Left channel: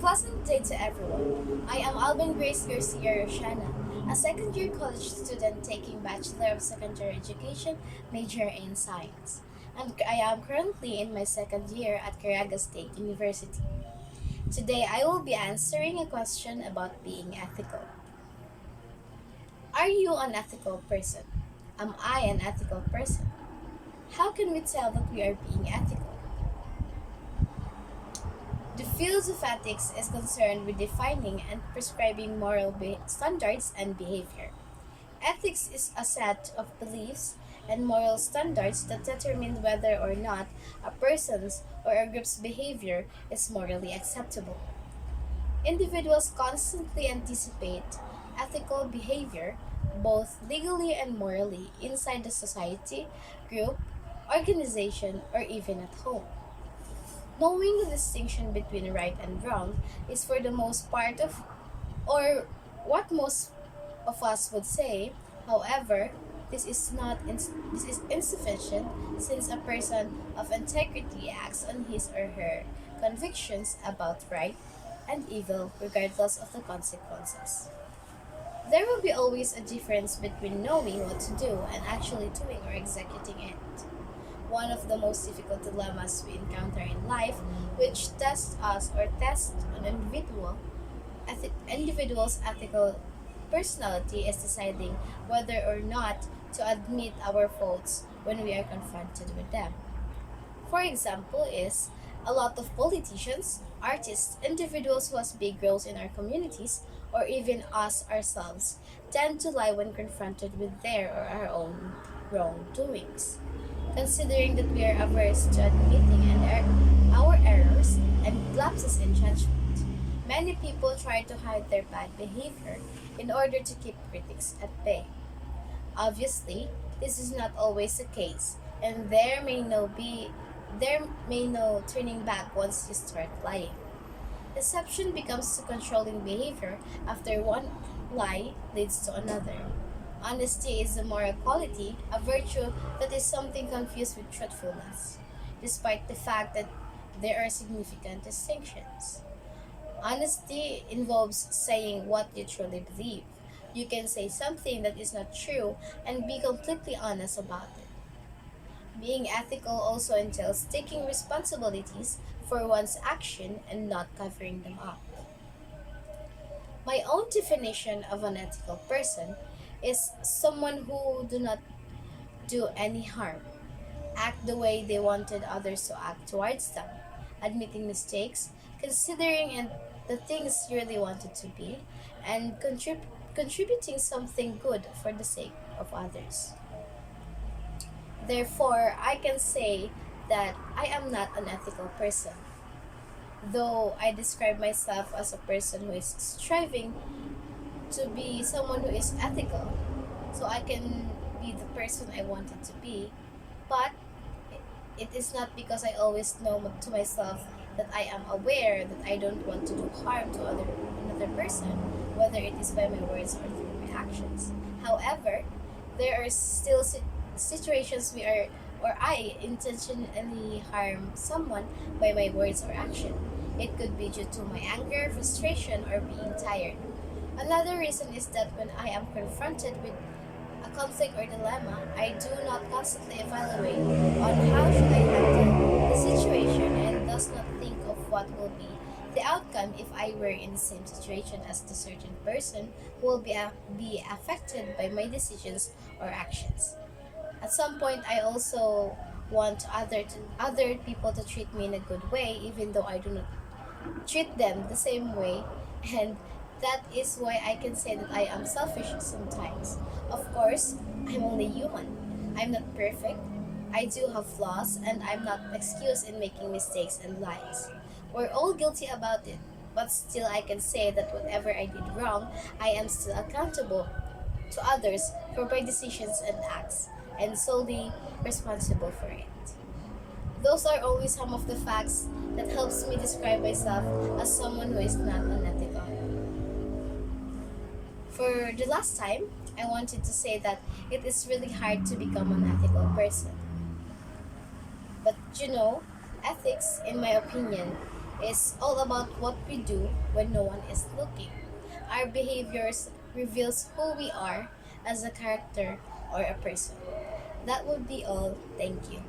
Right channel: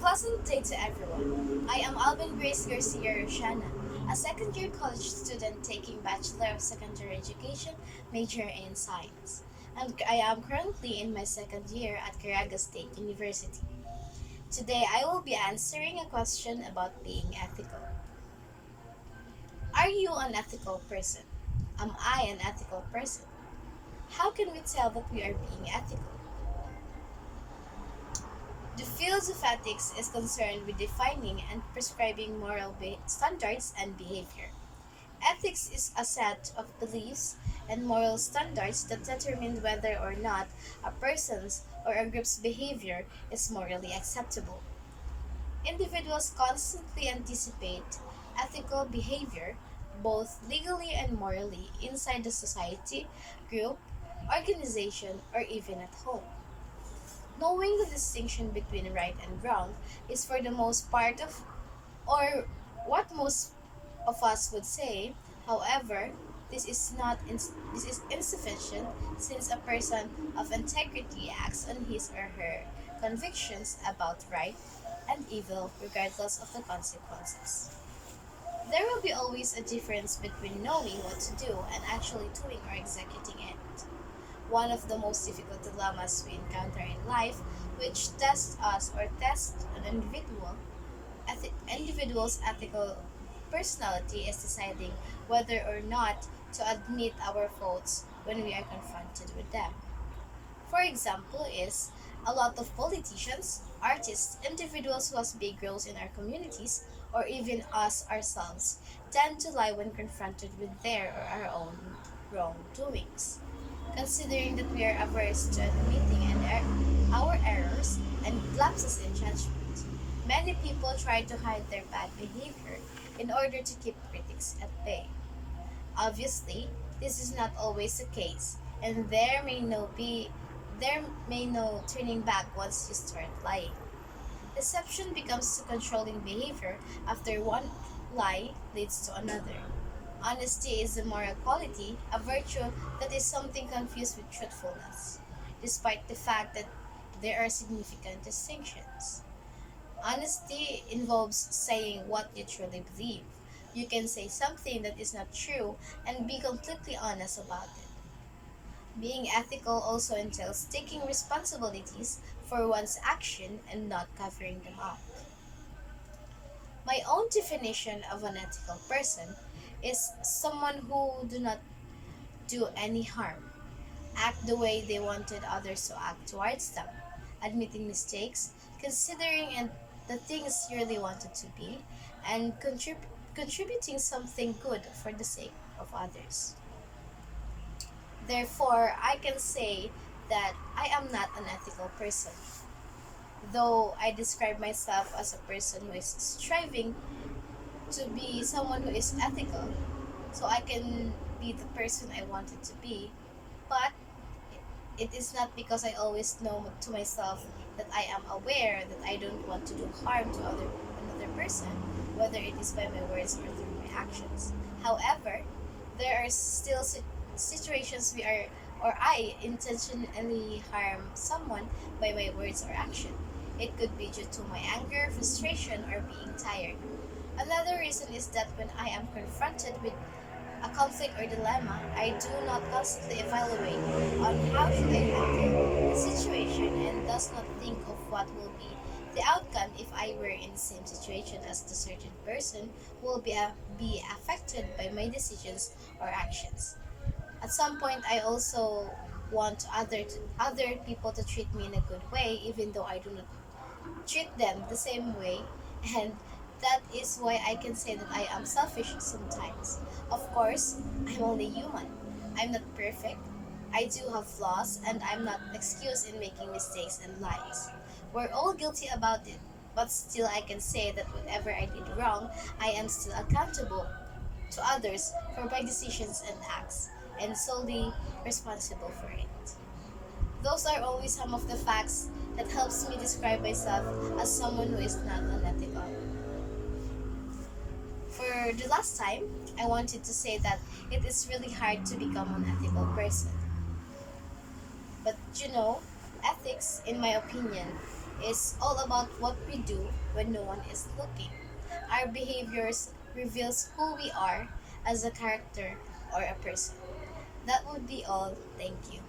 pleasant day to everyone. I am Alben Grace Garcia Rusiana, a second-year college student taking Bachelor of Secondary Education major in Science. And I am currently in my second year at Caraga State University. Today I will be answering a question about being ethical. Are you an ethical person? Am I an ethical person? How can we tell that we are being ethical? The field of ethics is concerned with defining and prescribing moral standards and behavior. Ethics is a set of beliefs and moral standards that determine whether or not a person's or a group's behavior is morally acceptable. Individuals constantly anticipate ethical behavior, both legally and morally, inside the society, group, organization, or even at home. Knowing the distinction between right and wrong is for the most part of, or what most of us would say. However, this is insufficient since a person of integrity acts on his or her convictions about right and evil regardless of the consequences. There will be always a difference between knowing what to do and actually doing or executing it. One of the most difficult dilemmas we encounter in life, which tests us or tests an individual's ethical personality, is deciding whether or not to admit our faults when we are confronted with them. For example, is a lot of politicians, artists, individuals who has big roles in our communities, or even us ourselves, tend to lie when confronted with their or our own wrongdoings. Considering that we are averse to admitting our errors and lapses in judgment, many people try to hide their bad behavior in order to keep critics at bay. Obviously, this is not always the case, and there may no turning back once you start lying. Deception becomes a controlling behavior after one lie leads to another. Honesty is a moral quality, a virtue that is something confused with truthfulness, despite the fact that there are significant distinctions. Honesty involves saying what you truly believe. You can say something that is not true and be completely honest about it. Being ethical also entails taking responsibilities for one's action and not covering them up. My own definition of an ethical person is someone who do not do any harm, act the way they wanted others to act towards them, admitting mistakes, considering and the things you really wanted to be, and contributing something good for the sake of others. Therefore, I can say that I am not an ethical person, though I describe myself as a person who is striving to be someone who is ethical, so I can be the person I wanted to be. But it is not because I always know to myself that I am aware that I don't want to do harm to another person, whether it is by my words or through my actions. However, there are still situations we are or I intentionally harm someone by my words or action. It could be due to my anger, frustration, or being tired. Another reason is that when I am confronted with a conflict or dilemma, I do not constantly evaluate on how should I handle the situation and does not think of what will be the outcome if I were in the same situation as the certain person who will be affected by my decisions or actions. At some point, I also want other people to treat me in a good way, even though I do not treat them the same way, and that is why I can say that I am selfish sometimes. Of course, I'm only human. I'm not perfect. I do have flaws, and I'm not excused in making mistakes and lies. We're all guilty about it, but still I can say that whatever I did wrong, I am still accountable to others for my decisions and acts, and solely responsible for it. Those are always some of the facts that helps me describe myself as someone who is not unethical. For the last time, I wanted to say that it is really hard to become an ethical person. But ethics, in my opinion, is all about what we do when no one is looking. Our behaviors reveals who we are as a character or a person. That would be all. Thank you.